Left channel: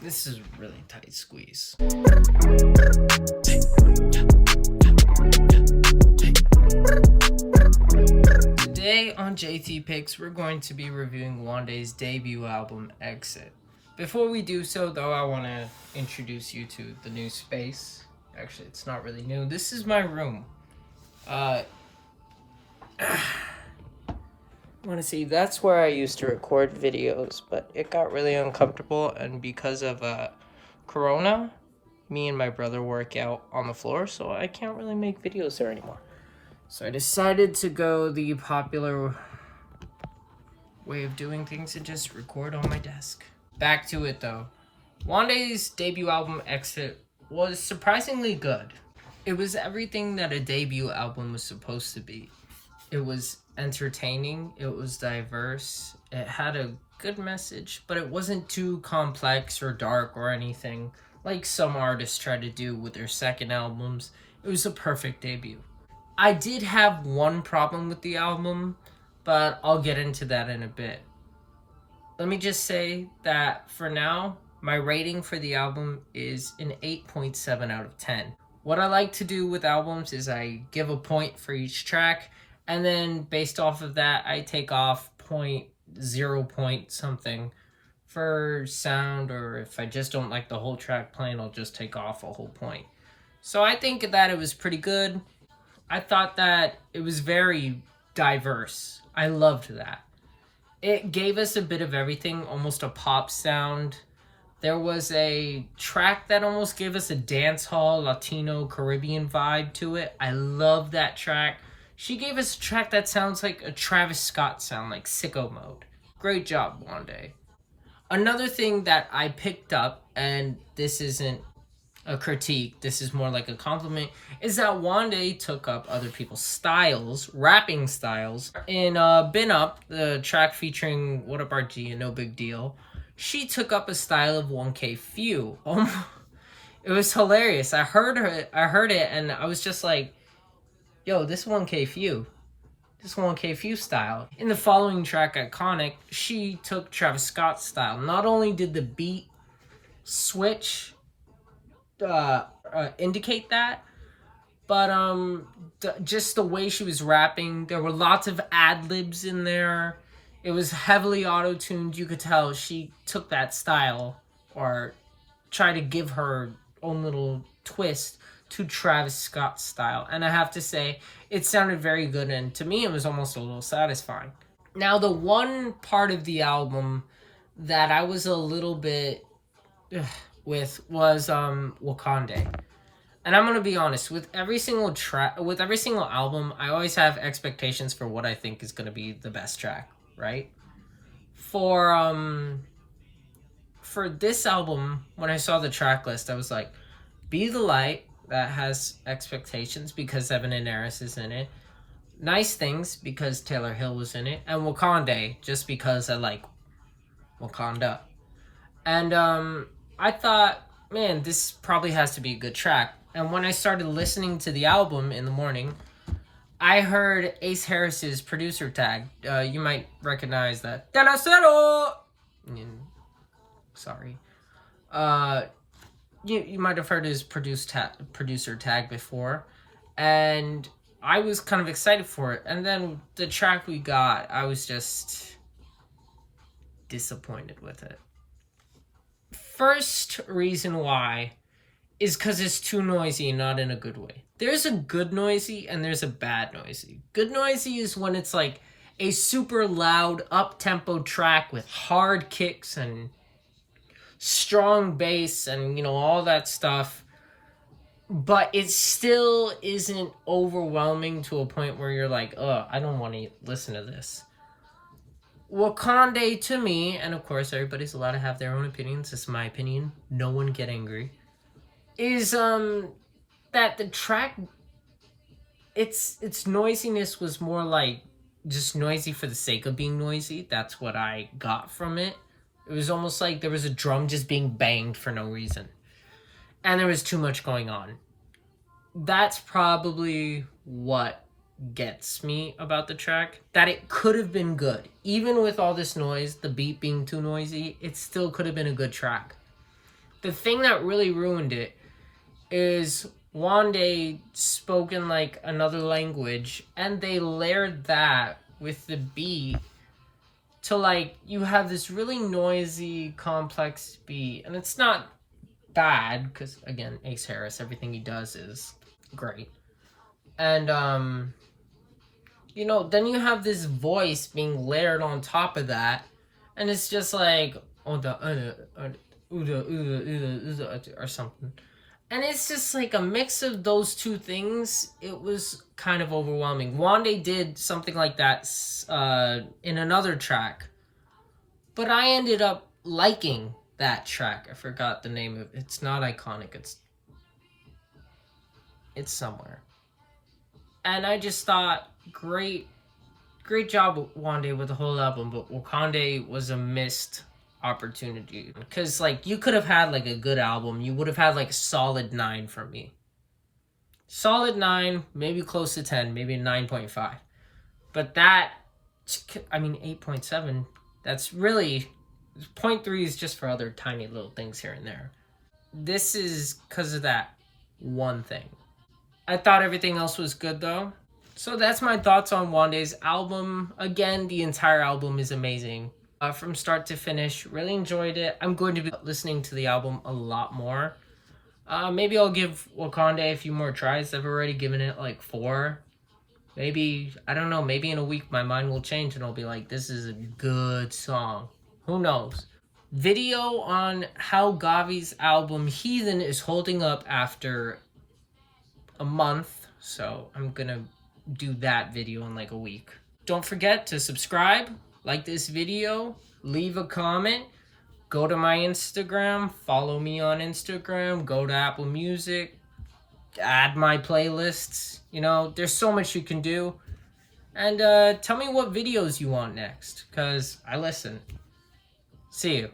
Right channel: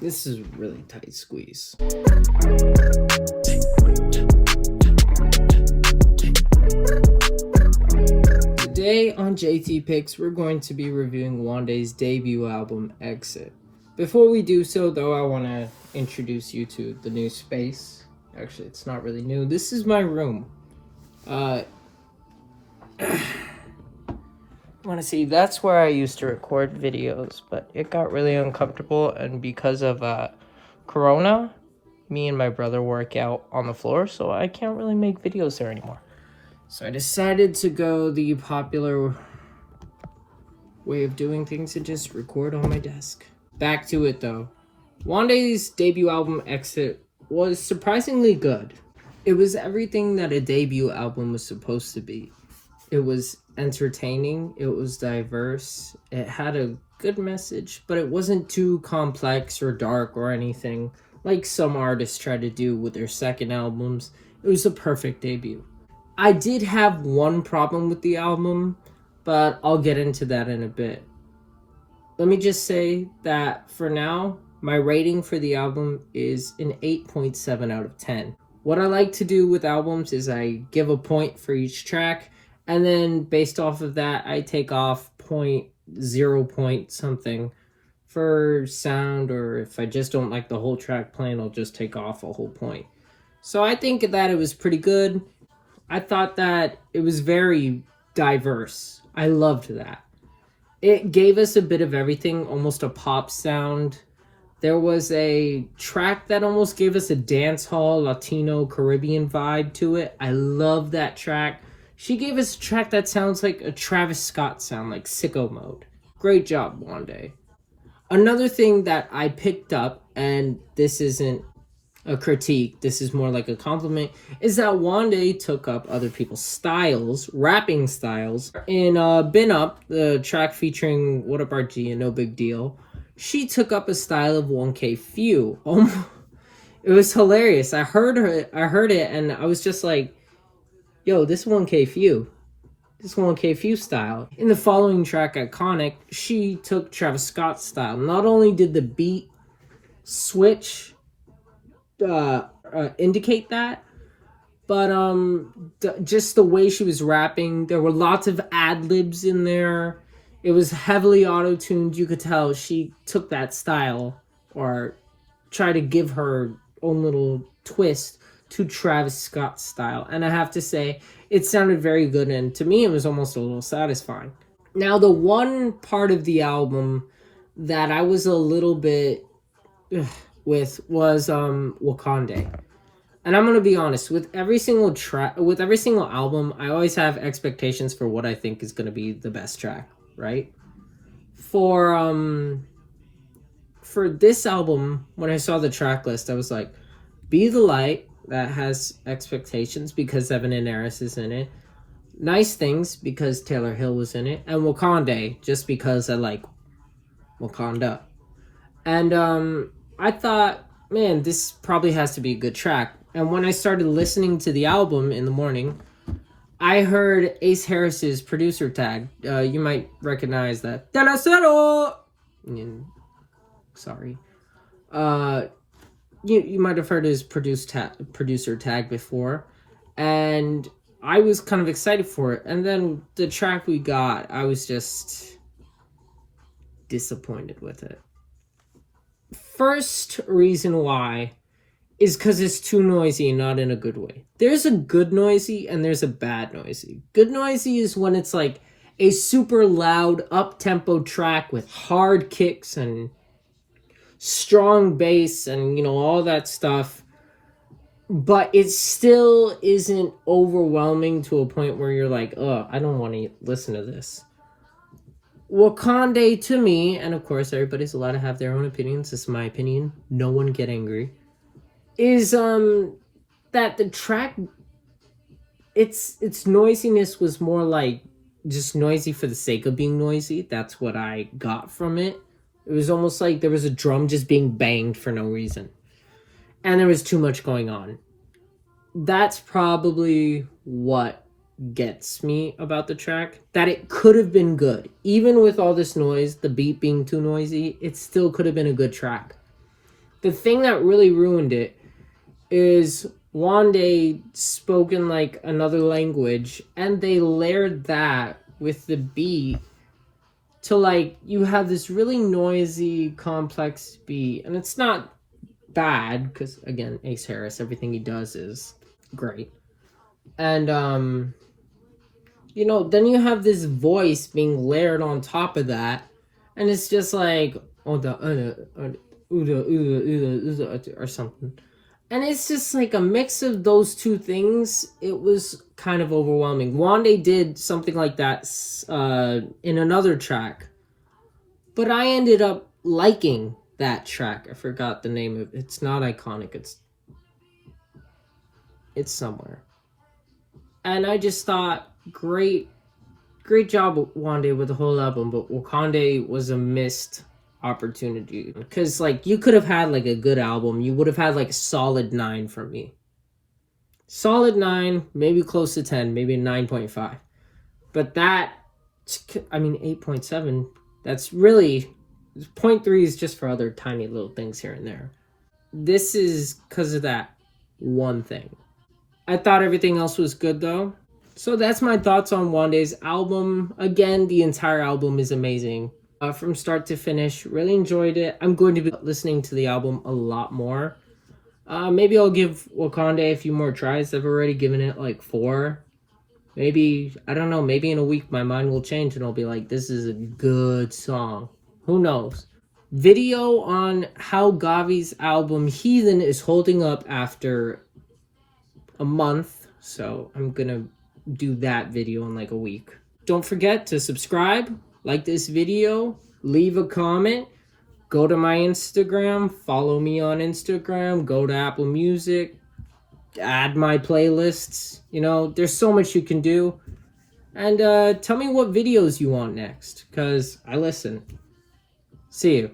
This is a really tight squeeze. Today on JT Picks, we're going to be reviewing Wande's debut album, Exit. Before we do so, though, I want to introduce you to the new space. Actually, it's not really new. This is my room. Want to see, that's where I used to record videos, but it got really uncomfortable, and because of Corona, me and my brother work out on the floor, so I can't really make videos there anymore. So I decided to go the popular way of doing things and just record on my desk. Back to it though. Wande's debut album, Exit, was surprisingly good. It was everything that a debut album was supposed to be. It was entertaining, it was diverse, it had a good message, but it wasn't too complex or dark or anything like some artists try to do with their second albums. It was a perfect debut. I did have one problem with the album, but I'll get into that in a bit. Let me just say that for now, my rating for the album is an 8.7 out of 10. What I like to do with albums is I give a point for each track, and then based off of that, I take off 0 point something for sound, or if I just don't like the whole track playing, I'll just take off a whole point. So I think that it was pretty good. I thought that it was very diverse. I loved that. It gave us a bit of everything, almost a pop sound. There was a track that almost gave us a dance hall, Latino, Caribbean vibe to it. I love that track. She gave us a track that sounds like a Travis Scott sound, like Sicko Mode. Great job, Wande. Another thing that I picked up, and this isn't a critique, this is more like a compliment, is that Wande took up other people's styles, rapping styles. In Been Up, the track featuring What Up RG and No Big Deal, she took up a style of 1K Few. It was hilarious. I heard it, and I was just like, yo, this 1K Few. This 1K Few style. In the following track, Iconic, she took Travis Scott's style. Not only did the beat switch indicate that, but just the way she was rapping, there were lots of ad-libs in there. It was heavily auto-tuned. You could tell she took that style or tried to give her own little twist to Travis Scott's style, and I have to say it sounded very good, and to me it was almost a little satisfying. Now, the one part of the album that I was a little bit with was Wakande. And I'm gonna be honest, with every single album, I always have expectations for what I think is gonna be the best track, right? For this album, when I saw the track list, I was like, Be the Light, that has expectations because Evan and Eris is in it. Nice Things because Taylor Hill was in it, and Wakande just because I like Wakanda. And I thought, man, this probably has to be a good track. And when I started listening to the album in the morning, I heard Ace Harris's producer tag. You might recognize that. Sorry. You might have heard his producer tag before. And I was kind of excited for it. And then the track we got, I was just disappointed with it. First reason why is because it's too noisy and not in a good way. There's a good noisy and there's a bad noisy. Good noisy is when it's like a super loud up-tempo track with hard kicks and strong bass and, you know, all that stuff. But it still isn't overwhelming to a point where you're like, oh, I don't want to listen to this. Wakande, to me, and of course everybody's allowed to have their own opinions, this is my opinion, no one get angry, is that the track, its noisiness was more like just noisy for the sake of being noisy. That's what I got from it. It was almost like there was a drum just being banged for no reason, and there was too much going on. That's probably what gets me about the track, that it could have been good. Even with all this noise, the beat being too noisy, it still could have been a good track. The thing that really ruined it is Wande spoken like another language, and they layered that with the beat to like you have this really noisy, complex beat, and it's not bad because again, Ace Harris, everything he does is great, and then you have this voice being layered on top of that, and it's just like or something. And it's just like a mix of those two things. It was kind of overwhelming. Wande did something like that in another track, but I ended up liking that track. I forgot the name of it. It's not iconic. It's somewhere. And I just thought, great job, Wande, with the whole album. But Wakande was a missed opportunity because like you could have had like a good album. You would have had like a solid 9 from me. Solid 9, maybe close to 10, maybe 9.5. But that, I mean, 8.7. That's really 0.3 is just for other tiny little things here and there. This is because of that one thing. I thought everything else was good though. So that's my thoughts on Wande's album. Again, the entire album is amazing. From start to finish, really enjoyed it. I'm going to be listening to the album a lot more. Maybe I'll give Wakande a few more tries. I've already given it like 4. Maybe, I don't know, maybe in a week my mind will change and I'll be like, this is a good song. Who knows? Video on how Gavi's album Heathen is holding up after a month. So I'm gonna do that video in like a week. Don't forget to subscribe, like this video, leave a comment, go to my Instagram, follow me on Instagram, go to Apple Music, add my playlists. There's so much you can do. And tell me what videos you want next, because I listen. See you.